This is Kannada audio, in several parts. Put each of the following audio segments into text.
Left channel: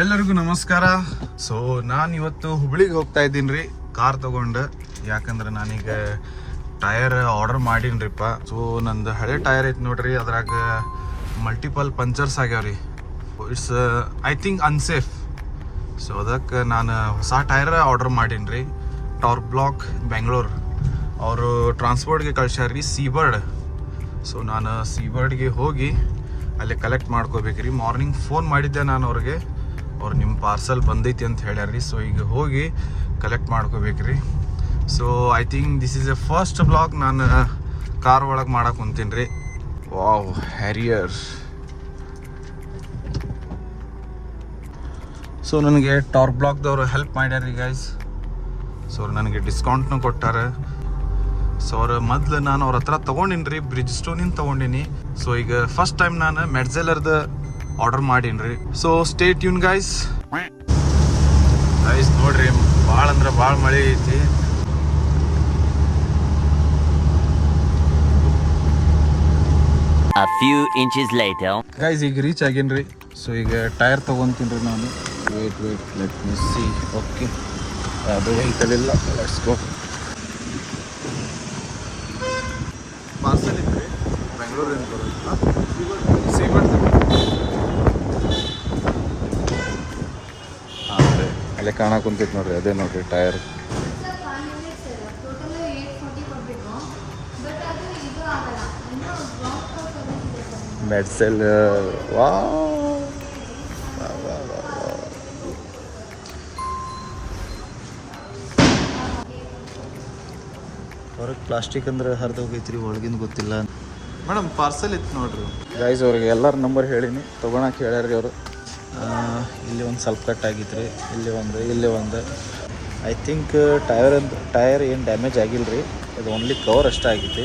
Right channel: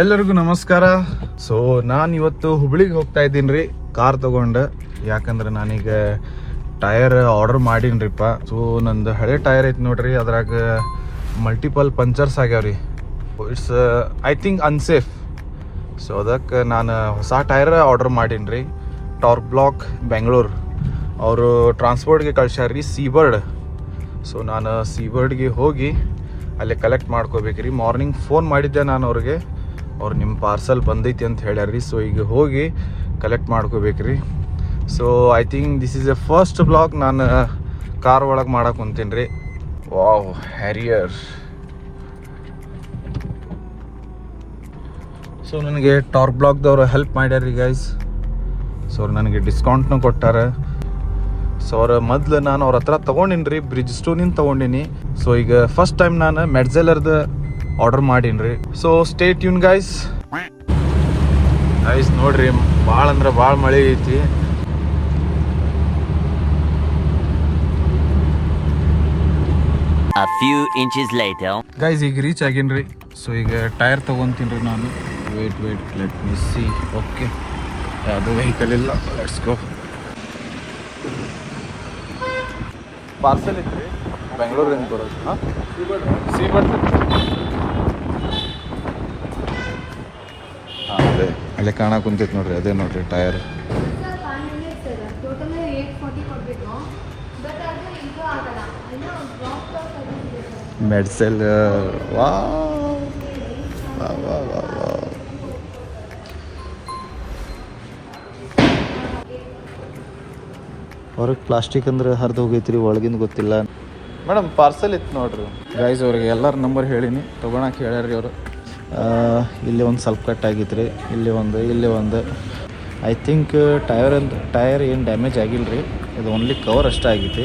ಎಲ್ಲರಿಗೂ ನಮಸ್ಕಾರ. ಸೊ ನಾನು ಇವತ್ತು ಹುಬ್ಳಿಗೆ ಹೋಗ್ತಾ ಇದ್ದೀನಿ ರೀ, ಕಾರ್ ತಗೊಂಡು. ಯಾಕಂದ್ರೆ ನಾನೀಗ ಟೈರ್ ಆರ್ಡರ್ ಮಾಡೀನಿರಿಪ್ಪ. ಸೊ ನಂದು ಹಳೆ ಟೈರ್ ಐತಿ ನೋಡ್ರಿ, ಅದ್ರಾಗ ಮಲ್ಟಿಪಲ್ ಪಂಚರ್ಸ್ ಆಗ್ಯಾವ್ರಿ. It's I think unsafe. So ಅದಕ್ಕೆ ನಾನು ಹೊಸ ಟೈರ್ ಆರ್ಡರ್ ಮಾಡೀನಿ ರೀ. ಟಾರ್ಕ್ ಬ್ಲಾಕ್ ಬೆಂಗಳೂರು ಅವರು ಟ್ರಾನ್ಸ್ಪೋರ್ಟ್ಗೆ ಕಳ್ಸ್ಯಾರ್ರಿ, ಸೀಬರ್ಡ್. ಸೊ ನಾನು ಸೀಬರ್ಡ್ಗೆ ಹೋಗಿ ಅಲ್ಲಿ ಕಲೆಕ್ಟ್ ಮಾಡ್ಕೋಬೇಕ್ರಿ. ಮಾರ್ನಿಂಗ್ ಫೋನ್ ಮಾಡಿದ್ದೆ ನಾನು ಅವ್ರಿಗೆ, ಅವ್ರು ನಿಮ್ಮ ಪಾರ್ಸಲ್ ಬಂದೈತಿ ಅಂತ ಹೇಳ್ಯಾರ್ರಿ. ಸೊ ಈಗ ಹೋಗಿ ಕಲೆಕ್ಟ್ ಮಾಡ್ಕೋಬೇಕ್ರಿ. So I think this is a first blog ನಾನು ಕಾರ್ ಒಳಗೆ ಮಾಡಕ್ಕೆ ಕುಂತೀನಿ ರೀ. Wow, Harrier. ಸೊ ನನಗೆ ಟಾರ್ಕ್ ಬ್ಲಾಕ್ದವ್ರು ಹೆಲ್ಪ್ ಮಾಡ್ಯಾರ್ರಿ ಗೈಸ್. ಸೊ ಅವ್ರು ನನಗೆ ಡಿಸ್ಕೌಂಟ್ನೂ ಕೊಟ್ಟಾರ. ಸೊ ಅವ್ರ ಮೊದ್ಲು ನಾನು ಅವ್ರ ಹತ್ರ ತೊಗೊಂಡಿನಿ ರೀ, ಬ್ರಿಡ್ಜ್ ಸ್ಟೋನಿಂದ ತೊಗೊಂಡಿನಿ. ಸೊ ಈಗ ಫಸ್ಟ್ ಟೈಮ್ ನಾನು ಮೆಡ್ಜೆಲರ್ದು ಆರ್ಡರ್ ಮಾಡೀನಿ ರೀ. So stay tune guys. ನೋಡ್ರಿ, ಭಾಳ ಅಂದ್ರೆ ಭಾಳ ಮಳೆ ಐತಿ. A few inches later. Guys ಈಗ ರೀಚ್ ಆಗೀನಿ. ಸೊ ಈಗ ಟೈರ್ ತೊಗೊತೀನಿ ರೀ ನಾನು. ಓಕೆ, ಯಾವುದೇ ವೆಹಿಕಲ್ ಇಲ್ಲ. ಪಾರ್ಸಲ್ ಐತಿ ಬೆಂಗಳೂರಿಂದ ಬರೋದು. ಹಾಂ, ಸೀಬರ್ಡ್. ಹಾಂ, ಅದೇ ಇಲ್ಲಿ ಕಾಣಕ್ಕೆ ಕುಂತೈತಿ ನೋಡ್ರಿ, ಅದೇ ನೋಡ್ರಿ ಟೈರ್. ಮೆಡ್ಸೆಲ್. ಹೊರಗೆ ಪ್ಲಾಸ್ಟಿಕ್ ಅಂದ್ರೆ ಹರಿದು ಹೋಗೈತ್ರಿ, ಒಳಗಿಂದ ಗೊತ್ತಿಲ್ಲ. ಮೇಡಮ್ ಪಾರ್ಸಲ್ ಇತ್ತು ನೋಡ್ರಿ. ಗೈಸ್ ಅವ್ರಿಗೆ ಎಲ್ಲರ ನಂಬರ್ ಹೇಳೀನಿ, ತೊಗೊಳಕ್ಕೆ ಹೇಳ್ಯಾರ್ರಿ ಅವರು. ಇಲ್ಲಿ ಒಂದು ಸ್ವಲ್ಪ ಕಟ್ ಆಗಿತ್ತು ರೀ, ಇಲ್ಲಿ ಒಂದು ಐ ಥಿಂಕ್ ಟೈರ್ ಏನು ಡ್ಯಾಮೇಜ್ ಆಗಿಲ್ಲ ರೀ, ಇದು ಓನ್ಲಿ ಕವರ್ ಅಷ್ಟೇ ಆಗೈತಿ.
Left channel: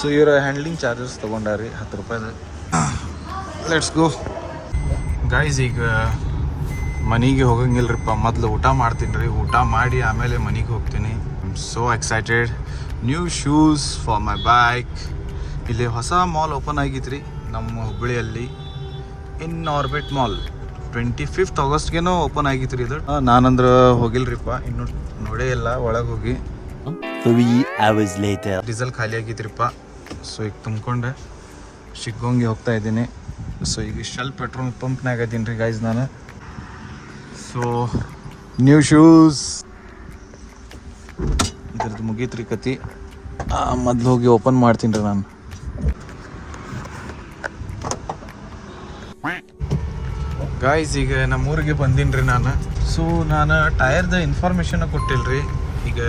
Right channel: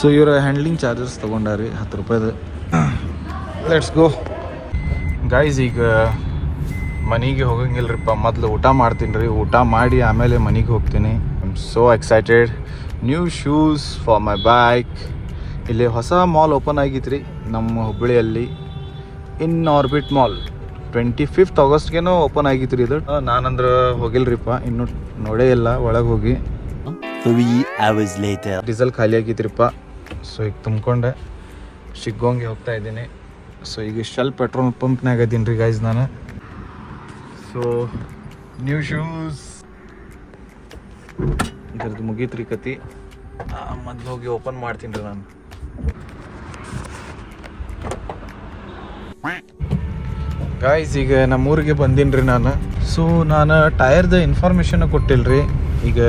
ಸೊ ಇವ್ರ ಹ್ಯಾಂಡ್ಲಿಂಗ್ ಚಾರ್ಜಸ್ ತೊಗೊಂಡಾರಿ 10 ರೂಪಾಯಿದು. Let's go guys. ಈಗ ಮನೆಗೆ ಹೋಗಂಗಿಲ್ರಿಪ್ಪ, ಮೊದಲು ಊಟ ಮಾಡ್ತೀನಿ ರೀ. ಊಟ ಮಾಡಿ ಆಮೇಲೆ ಮನೆಗೆ ಹೋಗ್ತೀನಿ. I am so excited. New shoes for my bike. ಇಲ್ಲಿ ಹೊಸ ಮಾಲ್ ಓಪನ್ ಆಗಿತ್ತು ರೀ ನಮ್ಮ ಹುಬ್ಬಳ್ಳಿಯಲ್ಲಿ, ಇನ್ ಆರ್ಬಿಟ್ ಮಾಲ್. 25th ಆಗಸ್ಟ್ಗೇನೋ ಓಪನ್ ಆಗಿತ್ತು ರೀ ಇದು. ನಾನಂದ್ರೆ ಹೋಗಿಲ್ರಿಪ್ಪ, ಇನ್ನೂ ನೋಡೇ ಇಲ್ಲ ಒಳಗೆ ಹೋಗಿ. 3 hours later. ಡೀಸೆಲ್ ಖಾಲಿ ಆಗಿತ್ರಿಪ್ಪ. ಸೊ ಈಗ ತುಂಬ್ಕೊಂಡೆ ಶಿಗ್ಗೋಂಗೆ ಹೋಗ್ತಾ ಇದ್ದೀನಿ. ಸೊ ಈಗ ಶೆಲ್ ಪೆಟ್ರೋಲ್ ಪಂಪ್ನಾಗ ಇದ್ದೀನಿ ರೀ ಗೈಸ್ ನಾನು. ಸೊ ನ್ಯೂ ಶೂಸ್ ಇದ್ರದ್ದು ಮುಗೀತ್ರಿ ಕತಿ. ಮೊದ್ಲು ಹೋಗಿ ಓಪನ್ ಮಾಡ್ತೀನಿ ರೀ ನಾನು. ಗಾಯ್ಸ್ ಈಗ ನಮ್ಮೂರಿಗೆ ಬಂದೀನಿ ರೀ ನಾನು. ಸೊ ನಾನು ಟೈರ್ದು ಇನ್ಫಾರ್ಮೇಷನ್ ಕೊಟ್ಟಿಲ್ಲ ರೀ. ಈಗ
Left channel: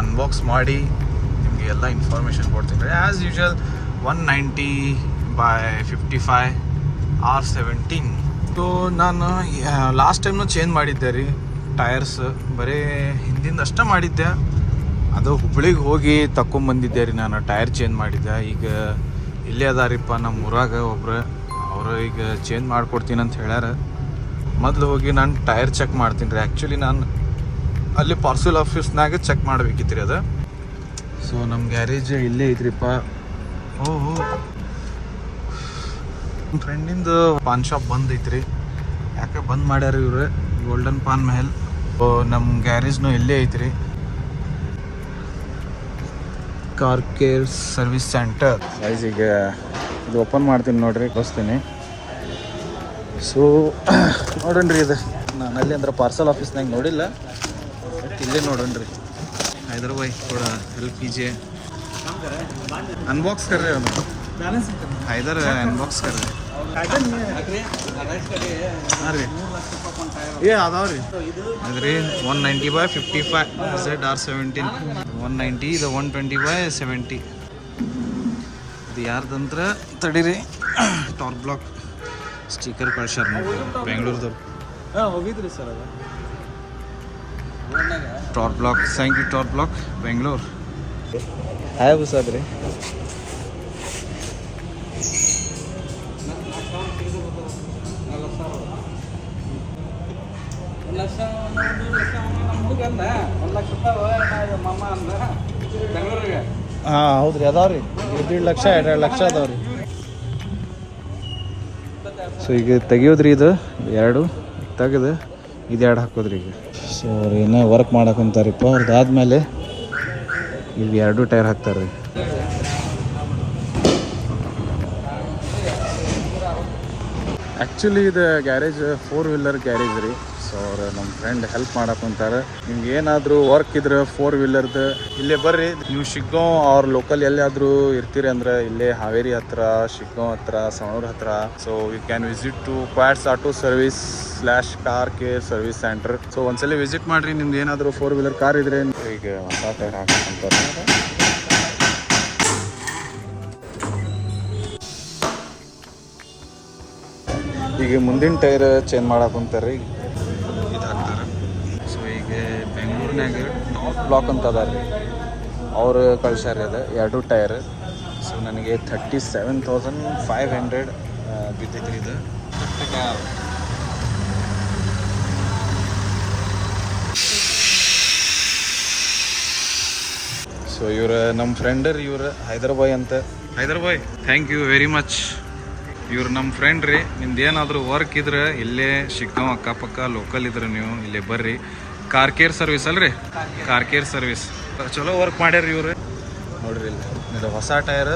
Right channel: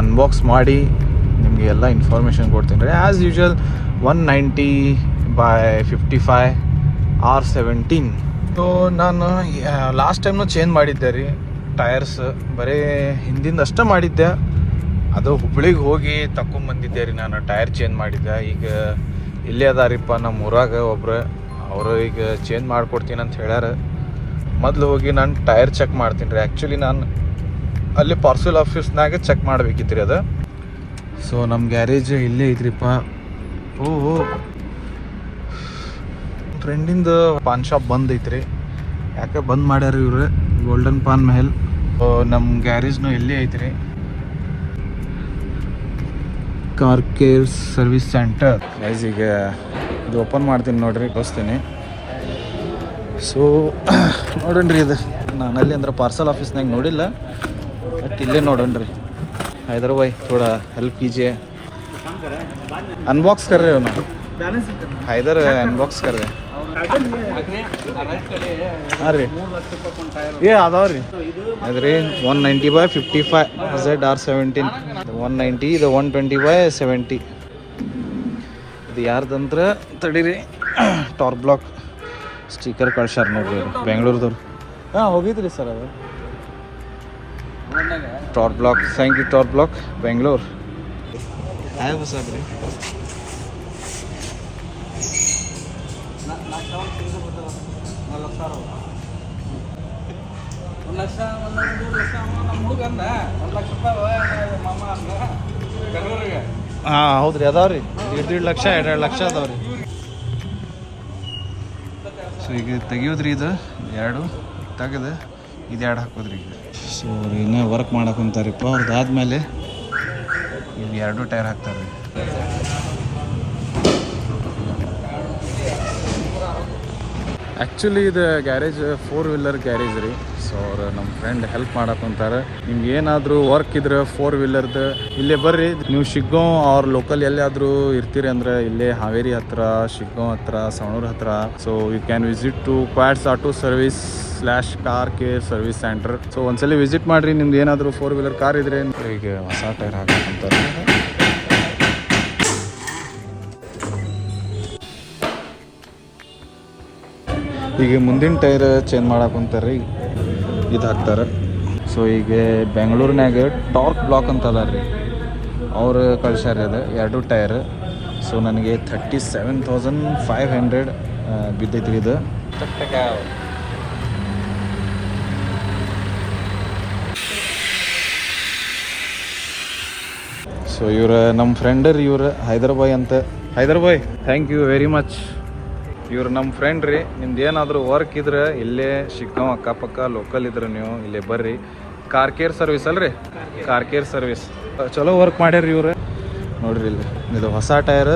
ಅನ್ಬಾಕ್ಸ್ ಮಾಡಿ ನಿಮಗೆ ಎಲ್ಲ ಇನ್ಫಾರ್ಮೇಷನ್ ಕೊಡ್ತೀನಿ ರೀ. As usual 190/55 R17. ಸೊ ನಾನು ಲಾಸ್ಟ್ ಟೈಮ್ನು ಚೇಂಜ್ ಮಾಡಿದ್ದೆ ರೀ ಟೈರ್ಸ್. ಬರೀ ಹಿಂದಿಂದ ಅಷ್ಟೇ ಮಾಡಿದ್ದೆ. ಅದು ಹುಬ್ಳಿಗೆ ಹೋಗಿ ತಗೊಂಬಂದಿದ್ದೆ ರೀ ನಾನು, ಟೈರ್ ಚೇಂಜ್ ಮಾಡಿದ್ದೆ. ಈಗ ಇಲ್ಲೇ ಅದಾರಿಪ್ಪ ನಮ್ಮ ಊರಾಗ ಒಬ್ರು, ಅವರು ಈಗ ಚೇಂಜ್ ಮಾಡಿಕೊಡ್ತೀನಿ ಅಂತ ಹೇಳ್ಯಾರ. ಮೊದಲು ಹೋಗಿ ನಾನು ಟೈರ್ ಚೆಕ್ ಮಾಡ್ತೀನಿ ರೀ. ಆ್ಯಕ್ಚುಲಿ ನಾನು ಅಲ್ಲಿ ಪಾರ್ಸಲ್ ಆಫೀಸ್ನಾಗ ಚೆಕ್ ಮಾಡಬೇಕಿತ್ತು ರೀ ಅದು. ಸೊ ನಮ್ಮ ಗ್ಯಾರೇಜು ಇಲ್ಲೇ ಐತ್ರಿಪ್ಪ. ಓಹೋ, ನಮ್ಮ ಫ್ರೆಂಡಿಂದು ಪಾನ್ ಶಾಪ್ ಬಂದ್ ಐತ್ರಿ. ಯಾಕೆ ಬಂದ್ ಮಾಡ್ಯಾರ ಇವ್ರು, ಗೋಲ್ಡನ್ ಪಾನ್ ಮೆಹಲ್. ನಮ್ಮ ಗ್ಯಾರೇಜ್ನು ಇಲ್ಲೇ ಐತ್ರಿ, ಕಾರ್ ಕೇರ್ ಸರ್ವಿಸ್ ಸೆಂಟರ್. ಈಗ ಓಪನ್ ಮಾಡ್ತೀನಿ ನೋಡ್ರಿ, ತೋರಿಸ್ತೀನಿ. ಸೊ ನೋಡೋಣ್ರಿ, ಇದು ನಾನು ಅಲ್ಲಿ ಅಂದ್ರೆ ಪಾರ್ಸಲ್ ಆಫೀಸ್ನಾಗ ನೋಡಿಲ್ಲ, ಬಟ್ ಇಲ್ಲೇ ನೋಡೋಣ್ರಿ. हैदर भाई थोड़ा हेल्प कीजिए, अनबॉक्स कर रहे हो ना? हैदर अनबॉक्स कर रहे हैं. अरे ये आधा ರೀ ಅದ್ರಿ 190/55 ZR17. 190 ಇದು 120/70. ಇದು ಯಾರ್ದಂದ್ರೆ ತಡೀರಿ, ಟಾರ್ಕ್ ಬ್ಲಾಕ್ ಸ್ಟಿಕರ್ ಕಳ್ಸ್ಯಾರ ನೋಡ್ರಿ, ಬೆಂಗಳೂರದವ್ರು. ಹಾಂ ಹೋಗಿದ್ರಿ ಸರ್ ಅವರು. Torque Block, thank you Torque Block Bengaluru. Hi ಬಸ್ಸಾದ್ರಿ. ಹಾಂ ಹೌದ್ರಿ, ಅದಾವ್ರಿ 1.5 ಲಕ್ಷ 2.5 ಲಕ್ಷ ಅದಾವ್ರಿ. ಸೊ ಈಗ ತೆಗಿಯೋದ್ರಿ ಇದು ಎರಡು ತೆಗೆದು ಇದು ಎರಡು ಹಾಕೋದ್ರಿ ಈಗ. ಸೊ ಅವ್ರು ಏನೋ ವರ್ಕ್ ಮಾಡಕ್ಕೆ ಕುಂತಾರಿಪ್ಪ. ಅವ್ರದ್ದಾದ್ಮೇಲೆ ಇವು ಎರಡು ಟೈರ್ ಹಾಕ್ತಾರೆ ರೀ. ಆ್ಯಕ್ಚುಲಿ ಇದು ಗ್ಯಾರೇಜ್ 4 ವೀಲರ್ ಗ್ಯಾರೇಜ್ ರೀ. ಸೊ ಅವ್ರು ನಮ್ಮ ಫ್ರೆಂಡ್ ಹೆಲ್ಪ್ ಮಾಡಕ್ಕಂತಾರೆ. ನಿಮ್ಗೆ ಏನಾದರೂ ವರ್ಕ್ ಇದ್ರೆ 4 ವೀಲರ್ದು ಇಲ್ಲೇ ಬರ್ರಿ. ನೀವು ಶಿಗ್ಗಾಂವ್ ಅವ್ರ ಲೋಕಲ್ ಎಲ್ಲಾದರೂ ಇರ್ತೀರಿ ಅಂದ್ರೆ ಇಲ್ಲೇ ಹಾವೇರಿ ಹತ್ರ, ಶಿಗ್ಗಾಂವ್ ಹತ್ರ, ಸವಣೂರು ಹತ್ರ. So you can visit to quads auto service / car care service center. So ಒಂದ್ಸಲ ವಿಸಿಟ್ ಮಾಡಿರಿ. ನಿಮ್ದು ಏನಾದರೂ 4 ವೀಲರ್ ಕಾರ್ ಇದ್ರೆ ಈಗ ಹೊಸ ಟೈರ್ ಹಾಕಂತಾರೆ. ಈಗ ಮುಂದಿನ ಟೈರ್ ಚೇಂಜ್ ಮಾಡಕ್ಕಂತಾರೆ ರೀ. ಇದು ಹಾಕ್ತಾರೆ. ಸೊ ಈಗ ಬೆಂಗಳೂರಿನಾಗ ಟಾರ್ಕ್ ಬ್ಲಾಕ್ ಅಂತ ಅದ ರೀ, ಅವರು ಕಳ್ಸ್ಯಾರ ಅದು ಎರಡು ಟೈರ್. ಸೊ ನನಗೆ 37,500 ಬಿದ್ದೈತ್ರಿ ಇದು. ಸೊ ಇವ್ರ ನಮ್ಮ ಫ್ರೆಂಡರ್ ಇವ್ರು ಹೈದರಾಬಾಯ್ ಅಂತ. ಹೈದರಾಬಾಯ್ ಥ್ಯಾಂಕ್ ಯು ವೆರಿ ಮಚ್. ಇವ್ರು ನಮ್ಮ ಫ್ರೆಂಡ್ ರೀ. ನಿಮ್ದು ಏನಾದರೂ ವರ್ಕ್ ಇದ್ರೆ ಇಲ್ಲೇ ಶಿಗ್ಗಾಂವ್ ಅಕ್ಕಪಕ್ಕ ಲೋಕಲ್ ಇದ್ರೆ ನೀವು ಇಲ್ಲೇ ಬರ್ರಿ. ಕಾರ್ ಕೇರ್ ಸರ್ವಿಸ್ ಅಲ್ರಿ, ಕಾರ್ ಕೇರ್ ಸರ್ವಿಸ್ ಚಲೋ ವರ್ಕ್ ಮಾಡ್ಯಾರ ಇವ್ರು. ನೋಡ್ರಿ ಇದು ಹೊಸ ಟೈರ್,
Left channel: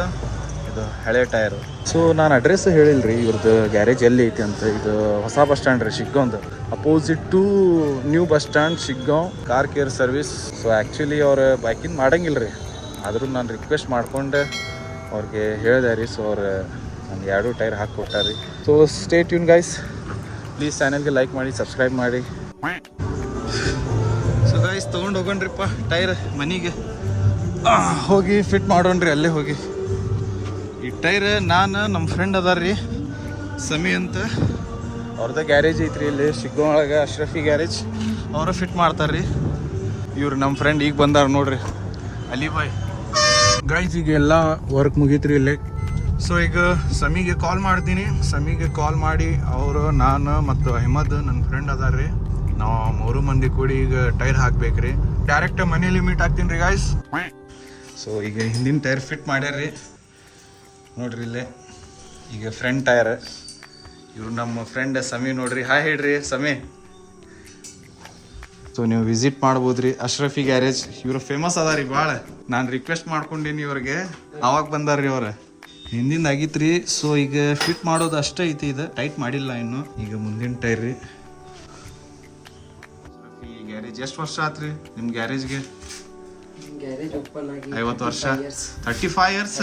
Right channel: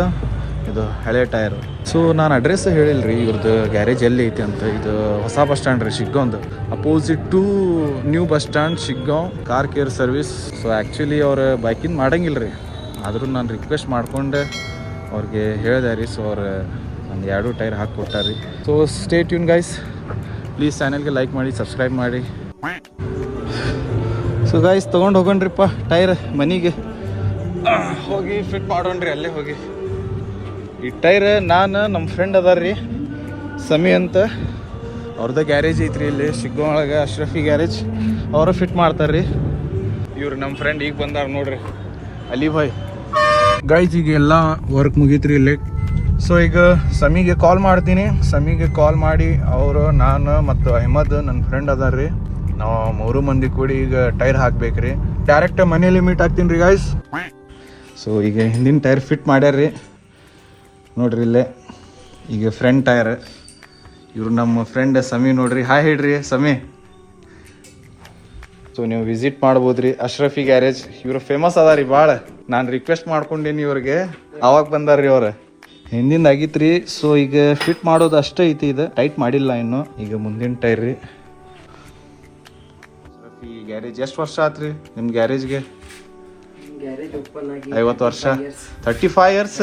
ಇದು ಹಳೆ ಟೈರ್. ಸೊ ನಾನು ಅಡ್ರೆಸ್ ಹೇಳಿಲ್ಲ ರೀ ಇವ್ರದ್ದು ಗ್ಯಾರೇಜ್ ಎಲ್ಲಿ ಐತಿ ಅಂತ. ಇದು ಹೊಸ ಬಸ್ ಸ್ಟ್ಯಾಂಡ್ ರೀ ಶಿಗ್ಗಾಂವ್ದು, opposite to new bus stand Shiggaon car care service. So actually ಅವ್ರು ಬೈಕಿಂಗ್ ಮಾಡಂಗಿಲ್ಲ ರೀ, ಆದರೂ ನಾನು ರಿಕ್ವೆಸ್ಟ್ ಮಾಡ್ಕೊಂಡು ಅವ್ರಿಗೆ ಹೇಳಿದೆ ರೀ. ಸೊ ಅವ್ರು ನನಗೆ ಎರಡು ಟೈರ್ ಹಾಕ್ಕೊಟ್ಟಾರೆ ರೀ. So stay tune guys, please ಚಾನಲ್ಗೆ ಲೈಕ್ ಮಾಡಿ, ಸಬ್ಸ್ಕ್ರೈಬ್ ಮಾಡಿ. ಸೊ ಗೈಸ್ ತೊಗೊಂಡು ಹೋಗೋಣ್ರಿಪ್ಪ ಟೈರ್ ಮನೆಗೆ ಹೋಗಿ ಫಿಟ್ ಮಾಡೋಣ್ರಿ. ಅಲ್ಲೇ ಹೋಗಿ ಈ ಟೈರ್ ನಾನು ನಮ್ಮ ಫ್ರೆಂಡ್ ಅದಾರ ರೀ ಸಮಿ ಅಂತ, ಅವ್ರದ್ದು ಗ್ಯಾರೇಜ್ ಐತ್ರಿ ಇಲ್ಲಿ ಶಿಗ್ಗಾಂವ್ ಒಳಗೆ, ಅಶ್ರಫಿ ಗ್ಯಾರೇಜ್. ಅವರು ಫಿಟ್ ಮಾಡ್ತಾರೆ ರೀ. ಇವ್ರು ನಮ್ಮ ಫ್ರೆಂಡ್ ಈಗ ಬಂದಾರ ನೋಡ್ರಿ, ಅಲಿ ಭಾಯ್. ಗೈಸ್ ಈಗ ಎಲ್ಲ ವರ್ಕ್ ಮುಗೀತ್ರಿ ಇಲ್ಲೇ. ಸೊ ಈಗ ಸಮಿಗೆ ಕಾಲ್ ಮಾಡ್ತೀನಿ. ಸಮಿಗೆ ಕಾಲ್ ಮಾಡಿ ಅವರು, ನಾನು ಮತ್ತು ಅಹ್ಮದ್ ನನ್ನ ಫ್ರೆಂಡ್ ಅದಾರ ರೀ, ನಾವು 3 ಮಂದಿ ಕೂಡಿ ಈಗ ಟೈರ್ ಹಾಕ್ಬೇಕ್ರಿ. ಡೈರೆಕ್ಟ್ ಮನೇಲಿ ಮೀಟ್ ಆಗ್ತೀನಿ ರೀ ಗೈಸ್. ಸೊ ಈಗ ಹಿಂದಿನ ಟೈರ್ ಫಿಟ್ ಮಾಡ್ಯಾರ ರೀ ನೋಡ್ರಿ ಇಲ್ಲೇ. ಈಗ ಫ್ರಂಟ್ ಟೈರ್. ಇವ್ರು ನಮ್ಮ ಫ್ರೆಂಡ್ ಸಮಿ ನೋಡ್ರಿ. ಹಾಯ್ ಹೇಳ್ರಿ ಸಮಿ. ಸೊ ನೀವು ವಿಸಿಟ್ ಮಾಡ್ಬೋದ್ರಿ ಅಶ್ರಫಿ ಗ್ಯಾರೇಜ್. ಇವ್ರು ಫೇಮಸ್ ಅದ ರೀ ಭಾಳ. ನಾನು ರಿಕ್ವೆಸ್ಟ್ ಮಾಡ್ಕೊಂಡೀನಿ ಇವ್ರಿಗೆ, ಅವಾಗ ಬಂದಾರ್ರಿ ಅವ್ರು. ಹಿಂದಿಂದ ಆಗಿತ್ತು ರೀ. ಸೊ ಈಗ ಫಿಟ್ ಮಾಡೋದು ಅಷ್ಟೇ ಐತಿ, ಇದು ಟೈಟ್ ಮಾಡಿಲ್ಲ ಇನ್ನು. ಈಗ ಮುಂದಿನ ಟೈರ್ ರೀ. ಈ ಗ್ಯಾರೇಜ್ ಎಷ್ಟು ವರ್ಷ ಆತ್ರಿ ನಿಮ್ಮ ಗ್ಯಾರೇಜ್ಗೆ? 50 ವರ್ಷ, 35 ಇಯರ್ಸ್.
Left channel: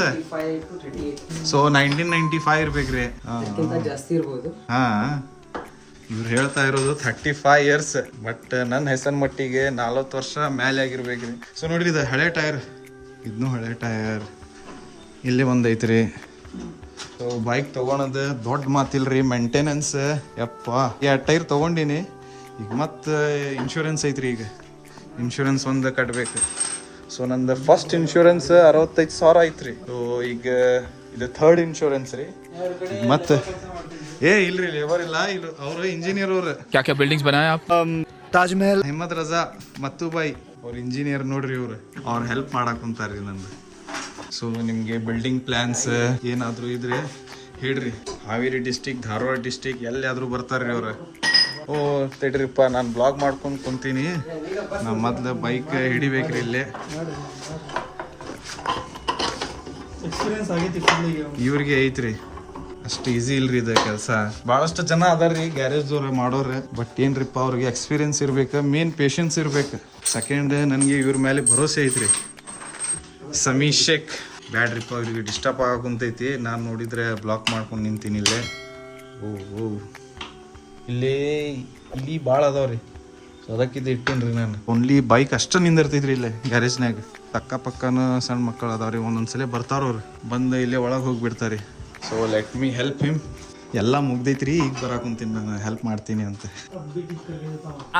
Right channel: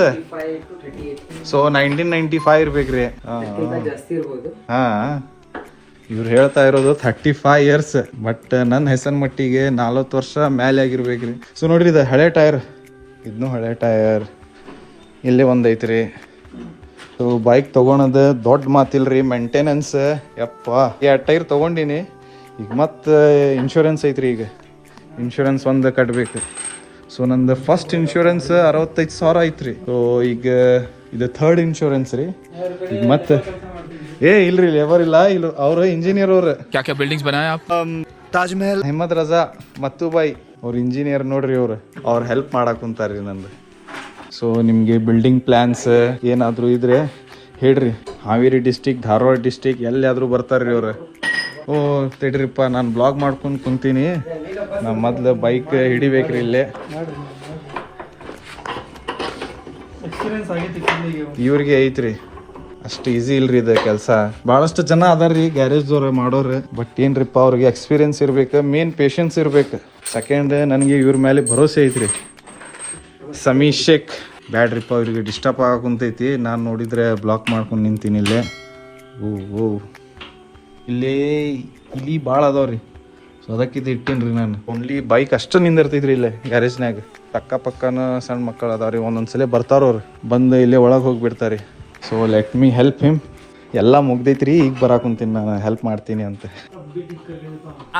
ಸೊ 1995 ಇರ್ಬೇಕ್ರಿ. ಹಾಂ, ಇವ್ರು ಹೇಳ್ತಾ ಇರೋದು 35 ಇಯರ್ಸ್, ಬಟ್ ನನ್ನ ಹೆಸನ್ ಮಟ್ಟಿಗೆ 40 ವರ್ಷ ಮೇಲೆ ಆಗಿರ್ಬೇಕ್ರಿ. ಸೊ ನೋಡ್ರಿ ಇದು ಹಳೆ ಟೈರ್, ಇದನ್ನು ಹಳೆ ಟೈರ್. ಇಲ್ಲೇ ಒಂದು ಐತ್ರಿ. ಸೊ ಬೈಕ್ ತೊಗೊಳೋದು ದೊಡ್ಡ ಮಾತಿಲ್ರಿ, ಮೇಂಟೆನೆನ್ಸ್ ಯಪ್ಪ. 2 ಟೈರ್ ತೊಗೊಂಡಿನಿ. ಈಗ ಮತ್ತೆ ಇನ್ಶೂರೆನ್ಸ್ ಐತ್ರಿ. ಈಗ ಇನ್ಶೂರೆನ್ಸ್ ಒಂದು ಕಟ್ಬೇಕು. ಸೊ ನಂದು ಫಸ್ಟ್ ಇನ್ಶೂರೆನ್ಸ್ 65,000 ಐತ್ರಿ. ಸೊ ಈಗ ಇದು 3rd ಇನ್ಶೂರೆನ್ಸ್ ರೀ. ಈಗ ಮತ್ತೆ ಇಲ್ರಿ ಲೇಬರ್ ಇಲ್ಲ, ಇಲ್ಲ ಅವರು ಇಂಜಿನಿಯರ್. ಅವ್ರು क्या बिल्डिंग्स बनाए आप? ತಾಜ್ ಮಹಲ್. ಅಹ್ಮದ್ ರಜಾ ಮತ್ತುಬಾಯ್ ಅವ್ರು ಇಂಜಿನಿಯರ್ ನೋಡ್ರಿ. ಅವ್ರು ಹೆಲ್ಪ್ ಮಾಡಕ್ ಕುಂತಾರ್ರಿ ನಂದು. ಸೊ ನಿಮಗೆ ಬಿಲ್ಡಿಂಗ್ ಪ್ಲ್ಯಾನ್ಸ್ ಏನಾದರೂ ಇದ್ರೆ ಹೇಳ್ರಿ. ಹಾವೇರಿ ಡಿಸ್ಟಿಕ್, ಧಾರವಾಡ ಡಿಸ್ಟಿಕ್ ಎಲ್ಲಾದರೂ ಬರ್ತಾರ್ರಿ ಅವ್ರು. ತಡ್ರಿಪ್ಪ, ನಾನು ಬ್ಲಾಗ್ ಮಾಡ್ಕೊಂಡು ಕುಂತೀನಿ. ನಾ ಮೊದ್ಲು ಬೈಕ್ ಹಿಡಿಬೇಕ್ರಿ ಇಲ್ಲೇ. ಇವ್ರಿಗೆ ಐತ್ರಿ, ಅಷ್ಟು ಈಸಿ ಇಲ್ರಿ ಇದು ಕೆಲಸ. ಭಾಳಷ್ಟು ಜನ ಅದಾರ್ರಿ ಗ್ಯಾರೇಜ್ದವ್ರು ಮಾಡೋರು, ಬಟ್ ಏನ್ರಿಪ್ಪ ಅವ್ರಿಗೆ ಎಕ್ಸ್ಪೀರಿಯನ್ಸ್ ಇರ್ಬೇಕು, ಮೇನ್ ಪೇಷನ್ಸ್ ಇರ್ಬೇಕು. ಸೆಕೆಂಡ್ ನನಗೆ ಇವ್ರ ಮೇಲೆ ಭರೋಸೆ ಐತ್ರಿ. ಸಮೀ ಶೇಖ್ ಬ್ಯಾಡ್ರಿಪ್ಪ, ಅವ್ರಿಗೆ ಡಿಸ್ಟರ್ಬ್ ಆಗಕುಂತೈತಿ. ನಾನು ನೋಡಿದ್ರೆ ಬ್ಲಾಕ್ ಮಾಡ್ಕೊಂಡು ನಿಂತೀನಿ ಇಲ್ಲೇ. ಓ ಇಲ್ಲಿ ಭಾಳ ಅದಾವ್ರಿ. ಸೊ ಅದಕ್ಕಿದು ಇಟ್ಟೇನ್ರಿ ನಾನು. ಓನ್ಲಿ ಬೈಕ್ ಅಷ್ಟು ನಿಂದಿರ್ತೈತ್ರಿ ಇಲ್ಲೇ ಗ್ಯಾರೇಜ್ನಾಗ. ಅಕ್ಕಪಕ್ಕನ ಸಣ್ಣ ಮಕ್ಕಳು ಅದಾವ್ರಿ, ಒಂದೊಂದ್ಸಲ ಬರ್ತಾರವ್ರು, ಬಂದು ಇಲ್ಲೇ ಒಳಗೆ ಹೋಗಿಬಿಡ್ತಾರೆ. So let me help him. ಎಲ್ಲ ಮುಗ್ದೈತ್ರಿ, ಈಗ ಬರಾಕುಂತೀನಿ ನಾನು, ಹೆಲ್ಪ್ ಮಾಡ್ತೀನಿ ಅಂತ.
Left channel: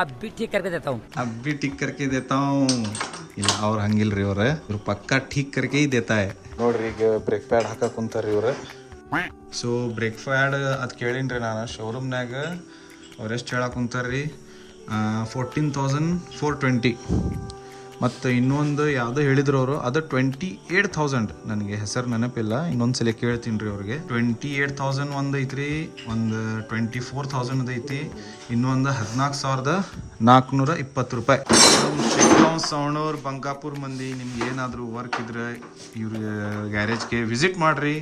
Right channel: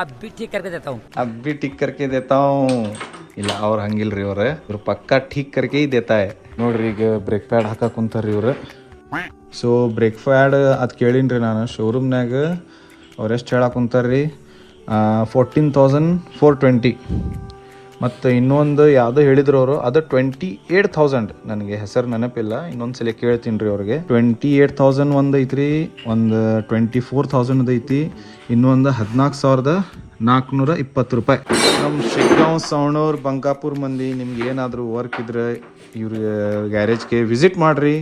अभी ठीक करके देता हूँ. ಅಬ್ಬಿ ಟಿಕ್ ಕರ್ಕೆ ದೇತಾವ್. ಇಲ್ಲ ಅವ್ರು ಹಂಗಿಲ್ರಿ, ಇವ್ರು ಪಕ್ಕಾ ಠೀಕ್ ಕರ್ಕೆ ದೇತಾ ಹೈ. ನೋಡ್ರಿ ಈಗ ಬ್ರೇಕ್ ಪ್ಯಾಡ್ ಹಾಕಕ್ ಕುಂತಾರ್ರಿ ಅವ್ರು. ಸೊ ಬ್ರೇಕ್ ಪ್ಯಾಡ್ ಅದು ಕೇಳೀನ್ರಿ ನಾನು ಶೋರೂಮ್ನಾಗ. ಅವ್ರು ಎಷ್ಟು ಹೇಳಕ್ ಕುಂತಾರ್ರಿ? 14,420. ಮತ್ತು ಇನ್ನೊಂದು ಯಾವುದೋ ಹೇಳಿದ್ರು ಅವರು ಅದು 28,000. ನನಗೆ ಹೆಸರು ನೆನಪಿಲ್ಲ, ಇನ್ನೊಂದು ಸಲ ಕೇಳ್ತೀನಿ ರೀ ಅವ್ರಿಗೆ. 28,000 ಒಂದು ಐತ್ರಿ, ಒಂದು 24,000 ಐತಿ, ಇನ್ನೊಂದು 14,420 ರೂಪಾಯಿ. ನಮ್ಮ ಶಿಗ್ಗಾಂವ್ ಸವಣೂರ್ ಬಂಕಾಪುರ್ ಮಂದಿ ನಿಮ್ಗೆ ಏನಾದರೂ ವರ್ಕ್ ಇದ್ರೆ ಇವ್ರ ಗ್ಯಾರೇಜ್ಗೆ ವಿಸಿಟ್ ಮಾಡ್ರಿ.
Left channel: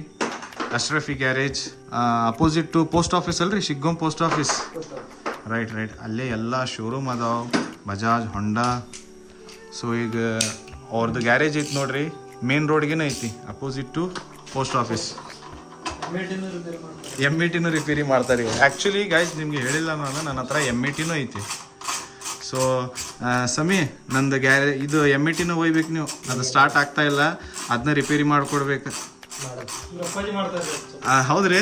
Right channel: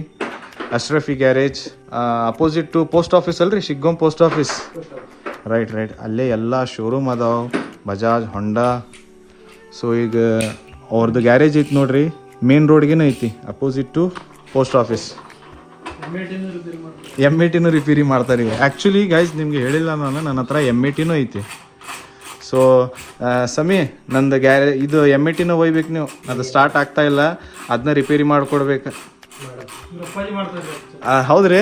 Ashrafi garage opposite to post office ಅಲ್ರಿ, ಶಿಗ್ಗಾಂವ್ ಪೋಸ್ಟ್ ಆಫೀಸ್. ರೈಟ್ ಅಲ್ಲೇ ಎಲ್ಲ ಶೋರೂಮ್ ಅದಾವ, ಬಜಾಜ್, ಹೊಂಡಾ. ಸೊ ಈಗ ಅವ್ರದ್ದು ಗ್ಯಾರೇಜ್ ಐತಿ ನೋಡ್ರಿ, ಮೇನ್ ರೋಡ್ಗೇನೆ ಐತಿ, opposite to post office. M80 repair ಮಾಡ್ತಾರೆ ಈಗ. ಆ್ಯಕ್ಚುಲಿ ಗೈಸ್ ನಿಮ್ಗೆ ಹೇಳಿಲ್ಲ ನಾನು, ನನ್ನ ಹತ್ರ M80 ಐತಿ. ಸೊ ಸಮಿ ನಂದು ಇದು M80 ಒಯ್ಬೇಕು ನೀವು, ಅದು ಸ್ಟಾರ್ಟ್ ಆಗ್ತಾ ಇಲ್ಲ, ಅದನ್ನ ರಿಪೇರಿ ಮಾಡಿಕೊಡ್ಬೇಕು. ಹೌದ್ರಿ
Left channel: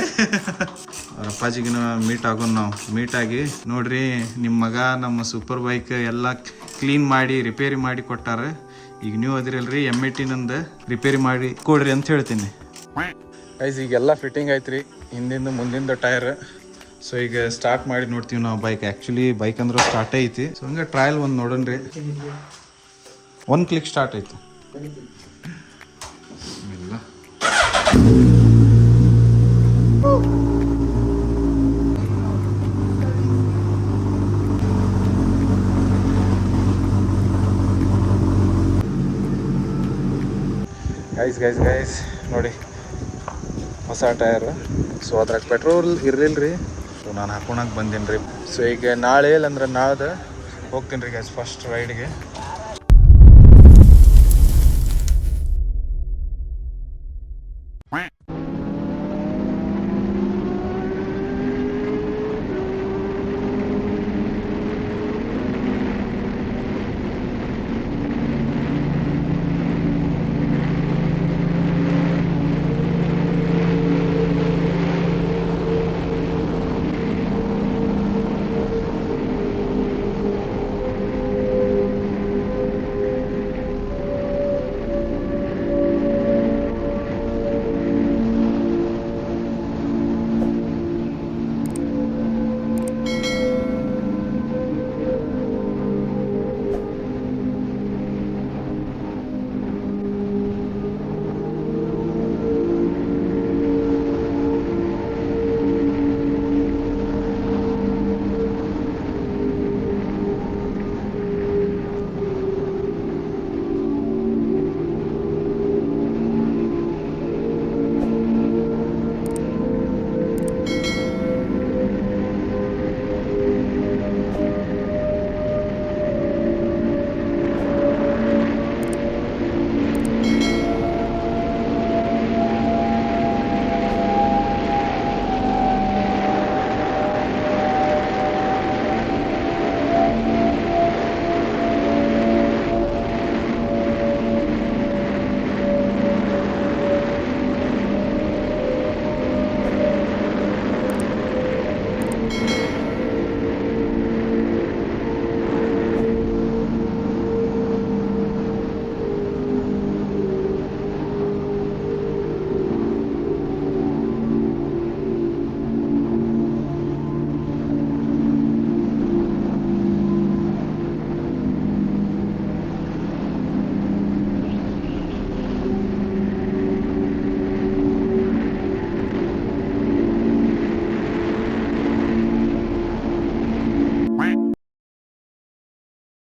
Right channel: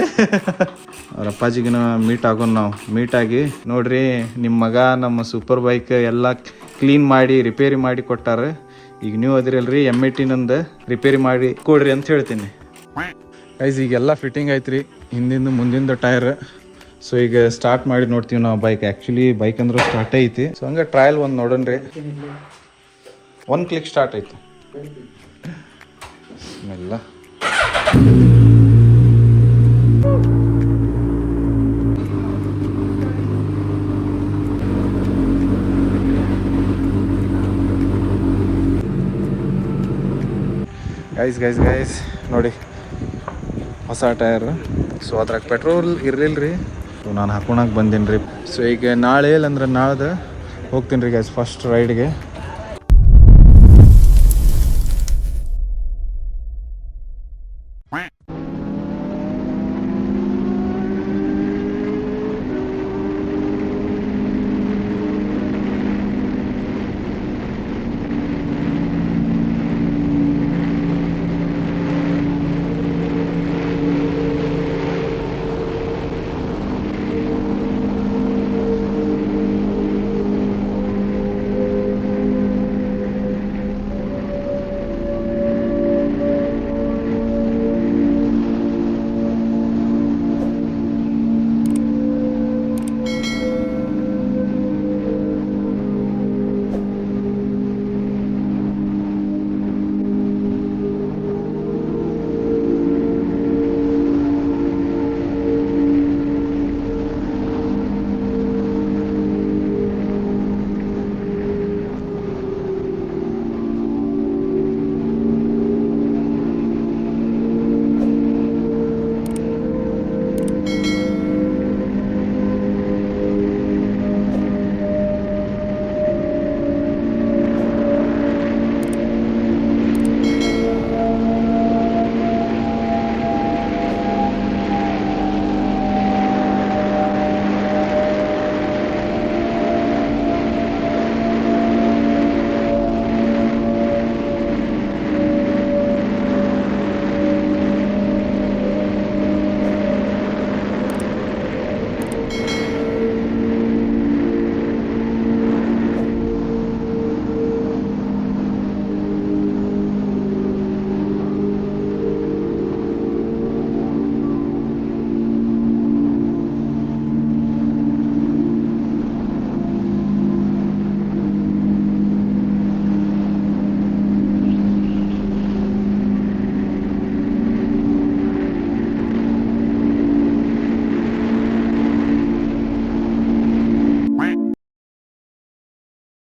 ಅವ್ರ ಅಪ್ಪಾಜಿಗಿನ ಮೀಟ್ ಆಗೋಣ ನಾವು. ಮೀಟ್ ಆಗಿ ನೋಡ್ರಿ ನಿಮ್ಮ ಮಗ ನಮ್ಮ ಸೂಪರ್ ಬೈಕ್ ಎಲ್ಲ ಕ್ಲೀನ್ ಮಾಡಿ ರಿಪೇರಿ ಮಾಡಿ ಕೊಟ್ಟಾರ. ಈಗ ನೀವು ಅದಿರಲ್ರಿ M80 ನಂದು ರಿಪೇರಿ ಮಾಡಿ ಕೊಡ್ರಿ ಅಂತ ಹೇಳ್ತೀನಿ. ಗೈಸ್ ಈಗೆಲ್ಲ ಫಿಟ್ಟಿಂಗ್ ಆಯ್ತು ರೀ, ಹಿಂದಿಂದ ಮುಂದಿಂದ ಟೈರ್. ಸೊ ಈಗ ಸ್ಟಾರ್ಟ್ ಮಾಡಿ ನೋಡ್ತೀವಿ ನಾವು ಬೈಕ್. ಆ್ಯಕ್ಚುಲಿ ಬೈಕ್ ಅಂದ್ರೆ ಸ್ಟಾರ್ಟ್ ಐತಿ. ಸೊ ಹಂಗೆ ಟ್ರಯಲ್ ಒಂದು ನೋಡೋಣ್ರಿ. ಒಂದು ಕ್ಲಿಕ್ ಸ್ಟಾರ್ಟ್ ಐತಿ ಎಲ್ಲ. ಗೈಸ್ ನೋಡಿ ಹೊಸ ಟಯರ್. ಸೊ ಅದ್ರಾಗ ಪೆಟ್ರೋಲ್ ಇರಲಿಲ್ಲ ರೀ, ಸೊ ನಾನು ಹಾಕೊಳಕ್ಕೆ ಬಂದೀನಿ ರೀ. ಸೊ ಈಗ ನಾಳೆ ಇಲ್ಲಂದ್ರೆ ನಾಳ್ದು ಹೋಗ್ತೀನಿ ರೀ ಗೈಸ್ ಫಸ್ಟ್ ರೈಡ್ಗೆ.